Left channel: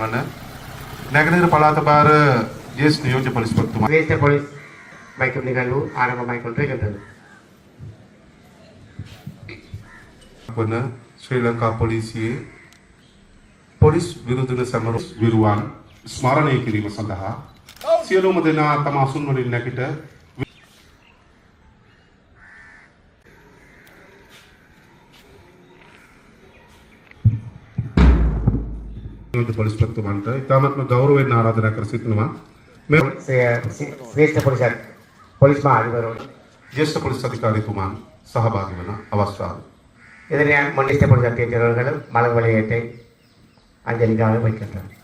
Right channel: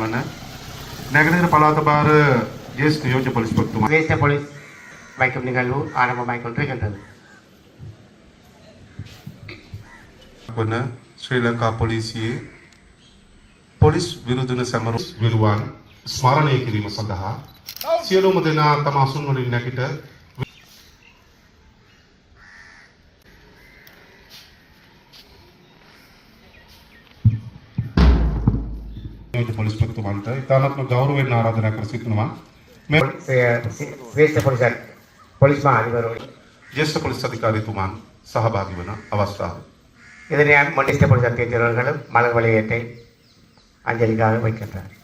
වන නැගෙනහිර පළාත භාර ජ්‍යෙෂ්ඨ නියෝජ්‍ය පොලිස්පතිතුමා தேசிய போலீஸ் வைக்கும் நிகழ்வு ஆரம்பமாகிக்கொண்டிருக்கின்றது. වන ශ්‍රී ලංකා පොලිසියේ පොලිස් විරුද්ධ සැමරුම් විරුවන් ස්මරණය කිරීම සඳහා සියලුම දෙනා තම අසුන් වලින් නැගිට පොලිස්පතිතුමන්ට ඉතාමත්ම ගෞරවයෙන් ආරාධනා කර සිටිනවා. சிரேஷ்ட போலீஸ் மா அதிபரோடு ජ්‍යෙෂ්ඨ පොලිස් අධිකාරීතුමන් සහභාගී වන අවස්ථාව. இதனை முன்னிட்ட போலீஸ் அத்தியட்சர்களும் மலர் வளையத்தை அஞ்சலிக்காக வைக்கின்றனர்.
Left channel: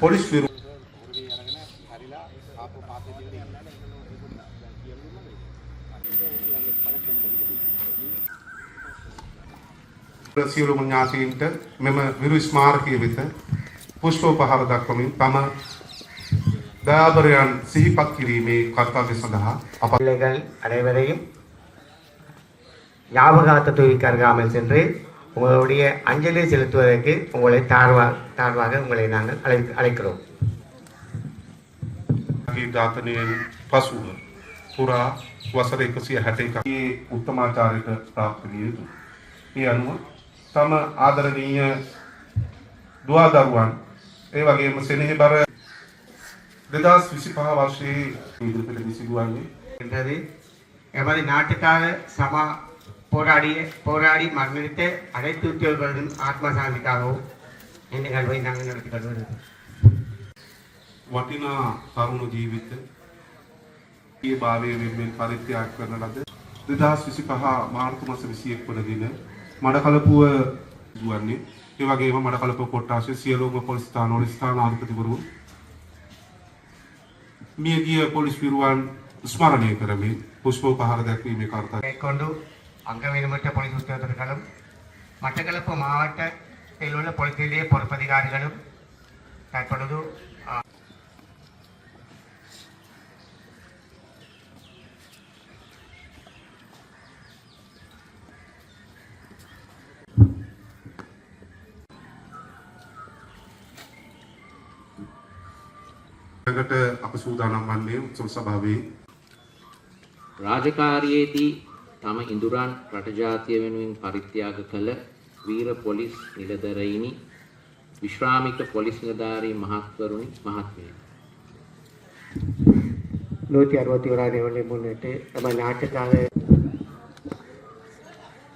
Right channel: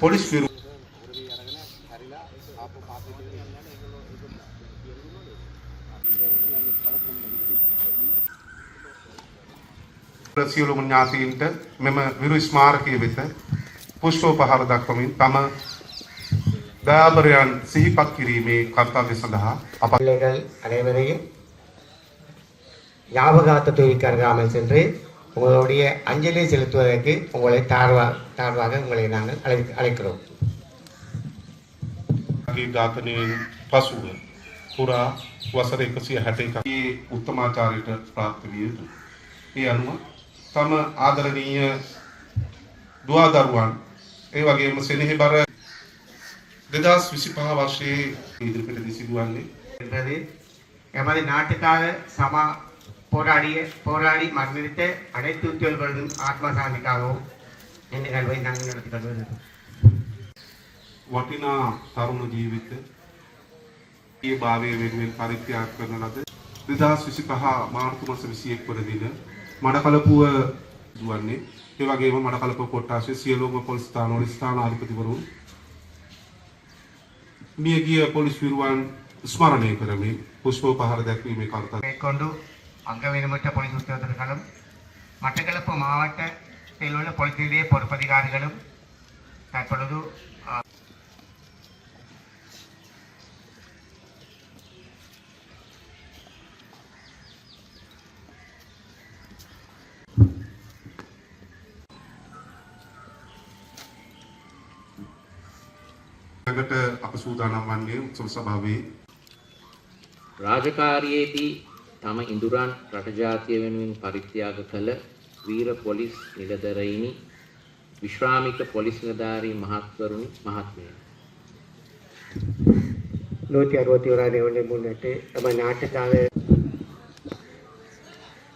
පොලිස් විරු සියලුම ඥාතීන්ට මෙම විරු ස්මාරකයේ වෙත පුෂ්පෝපහාර දක්වමින් තම දයාබරයන් සිහිපත් කිරීමේ කර්තව්‍ය සඳහා අප பிள்ளைகள் அனைவரையும் ஞாபகார்த்த தொழிலுக்கு அருகாமல் சென்று உங்களுடைய அஞ்சலி செலுத்துவதற்கு உங்களை தாழ்வாக உங்களை நாங்கள் அழைக்கிறோம். ඝාතනයෙන් පසුව පුරා වසර 161 උත්තමාචාරයට ප්‍රාප්ත විය යුතුයි. ඒ අනුව තම ආදරණීය දුවා දරුවන් ඒ වගේම සෙනෙහබර 2025 වර්ෂයේ ඉදිරිපිට සිදුවන්නේ என்பது எமது நாட்டுக்காக போராடி மரணித்த அனைத்து உத்தியோகர்களும் ஆத்ம சாந்திக்காகவும் இந்த நிகழ்வை நாங்கள் நடத்தி வருகிறோம். වටිනා තරුණ ජීවිත ඒ භාවයේ වෙනුවෙන් පරිත්‍යාග කරන ලද 2025 මාර්තු මාස 21 වන දින මඩකලපුව දුවන්නේ ඒ වගේම මඩකලපුව කොට්ටාශයේ සියලුම පොලිස් ස්ථානවල ස්ථානාධිපතිවරුන් මියගිය පොලිස් විරුවන් ස්මරණය කරමින් පුෂ්පෝපහාර දැක්වීමේ කාර්යය மேற்கொண்டு அங்கவீனமற்ற போலீஸ் உத்தியோகத்தர்களும் மட்டக்களப்பு மாவட்டத்தில் உள்ள போலீஸ் நிலைய பொறுப்பதிகாரிகளும் தற்பொழுது අප සූදානම් වන්නේ උත්සව සභාවේ රාජකාරියේදී තම ඉඳුරන් රට ජාතිය වෙනුවෙන් පරිත්‍යාග කළ වීර පොලිස් නිලධරයිනි විශ්‍රාමික පොලිස් නිලධාරී මහත්වරුනි මහත්මයනි 161வது ஆண்டு முன்னிட்டு நம்ம நாட்டுக்காக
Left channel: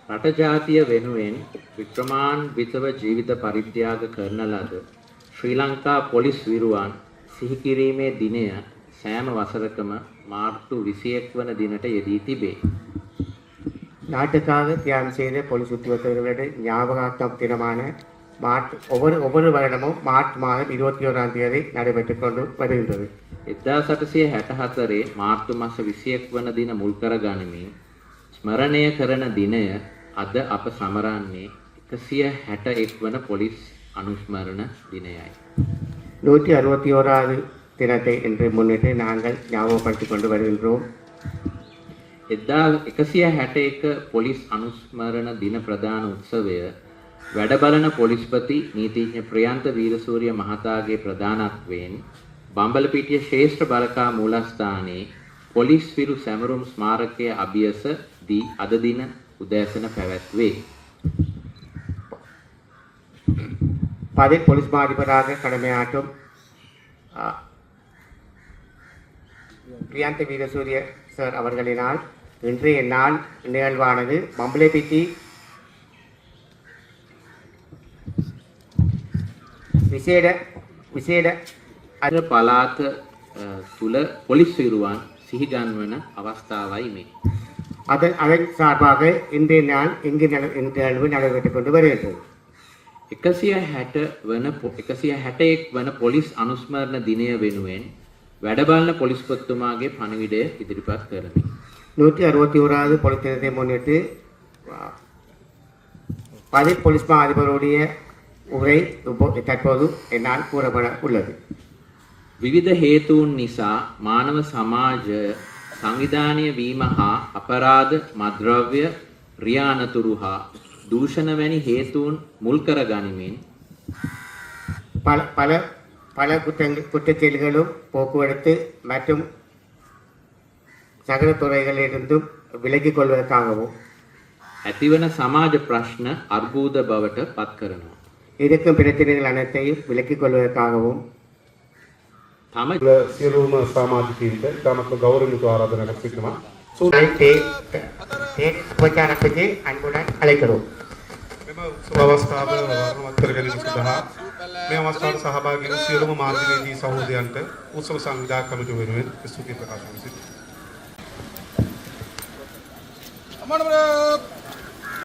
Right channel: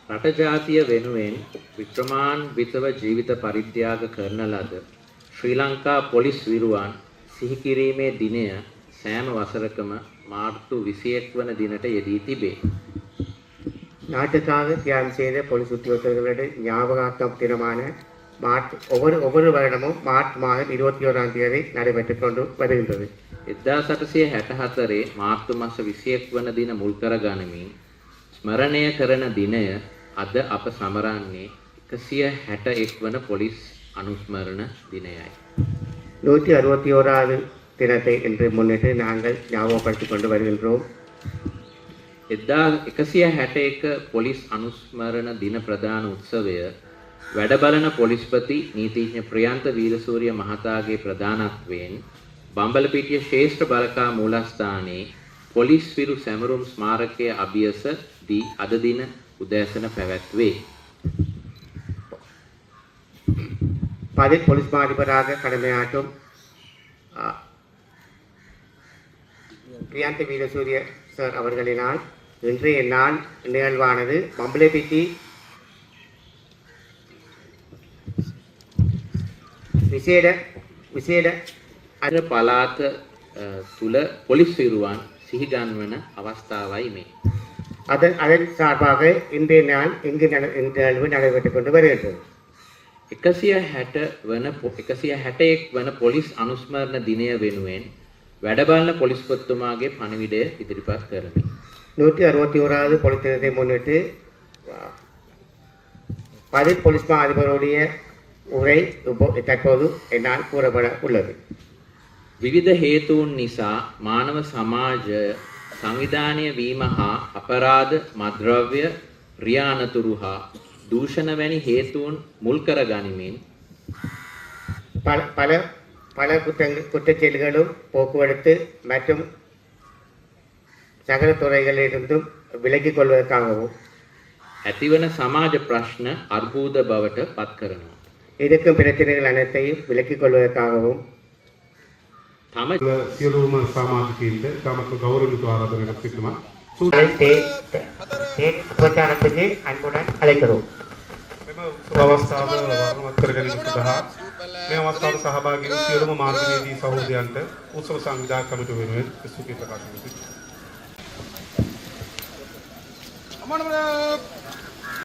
රට ජාතිය වෙනුවෙන් වික්‍රමාන්විතව ජීවිත පරිත්‍යාග කරන ලද ශ්‍රී ලංකා පොලිස් විරුවන් සිහි කිරීමේ දිනය සෑම වසරකම මාර්තු 21 වන දිනට යෙදී තිබේ. நாட்டுக்காக தியாகம் செய்த போலீஸ் உத்தியோகத்தர்களுடைய ஞாபகார்த்தம் தினமான ஒவ்வொரு வருடமும் மார்ச் மாதம் 21ஆம் தேதி நடைபெற்றுக் கொண்டு வருகின்றது. 1864 මාර්තු මාස 21 වන දින මුල් කර ගනිමින් ස්මරණය කරන දිනය අද අප සමරන්නේ 161 වන පොලිස් අනුස්මරණ දිනයයි. 161வது தினத்தை இன்று முன்னிட்டு நாங்கள் ஞாபகப்படுத்திக் கொண்டு வருகின்றோம். 161 පොලිස් අනුස්මරණ දින ප්‍රදාන උත්සවය වැඩබලන පොලිස්පති නීතිඥ ප්‍රියන්ත වීරසූරිය මහතාගේ ප්‍රධානත්වයෙන් බම්බලපිටිය ශ්‍රේෂ්ඨ බලකා මූලස්ථානයේ පොලිස් විරු සැමරුම් ස්මාරකයේ අභියස දී අද දින උදෑසන පැවැත්වේ. பதில் போலீஸ் மா அதிபராக கடமையாற்றும் பிரியாந்த வீரசூரிய சார் அவர்களினால் இன்றைய நாள் நிகழ்வானது மம்பலப்பிட்டி විශේෂ අද පළාත තුල පොලිස් විරුවන් සිහි ගන්වන අවස්ථාවයි මේ. அதன் சார்பாக இன்றைய நாள் இங்கு நிகழ்வு நடைபெற்றுக் கொண்டு வருகின்றது. 161 වන පොලිස් අනුස්මරණ දිනය වෙනුවෙන් වැඩබලන පොලිස්පතිතුමාගේ පණිවිඩය ඉදිරිපත් කරමි. 161வது போலீஸ் தினத்தை முன்னிட்டு பதில் போலீஸ் மா அதிபருடைய உரை தற்போது என்னால் கூறப்பட உள்ளது. විවිධ හේතුන් නිසා මානව සමාජ සංවිධානය වීම හා අපරාධ මද්‍රව්‍ය රියානතුරු හා දූෂණ වැනි හේතුන් මුල් කර ගනිමින් பல குற்றச்செயல்களும் போக்குவரத்து மற்றும் சகல துறைகளிலிருந்தும் விலகிக் கொள்வதற்காகவும் ඇතිවන සමාජ ප්‍රශ්න අර්බුද බවට පත් කරනවා. இருக்கும் பிரச்சனைகள் அனைத்தையும் விலக்கிக் கொள்வதற்காகவும் තම සියලුම සමාජිකයින්ට තමක ගෞරවණීය ආරාධනාවක් පිටනවා. பிரச்சாரத்துக்கு அன்புடன் அழைக்கிறோம். මෙම සුබවස්ථාව වර්ණවත් කර ගැනීම සඳහා මේ අවස්ථාවට සහභාගී වූ සියලුම මාර්ගවේදී සහෝදරයන්ට උත්සව සංවිධායක කමිටුව වෙනුවෙන් ස්තුති ප්‍රකාශ කරනවා.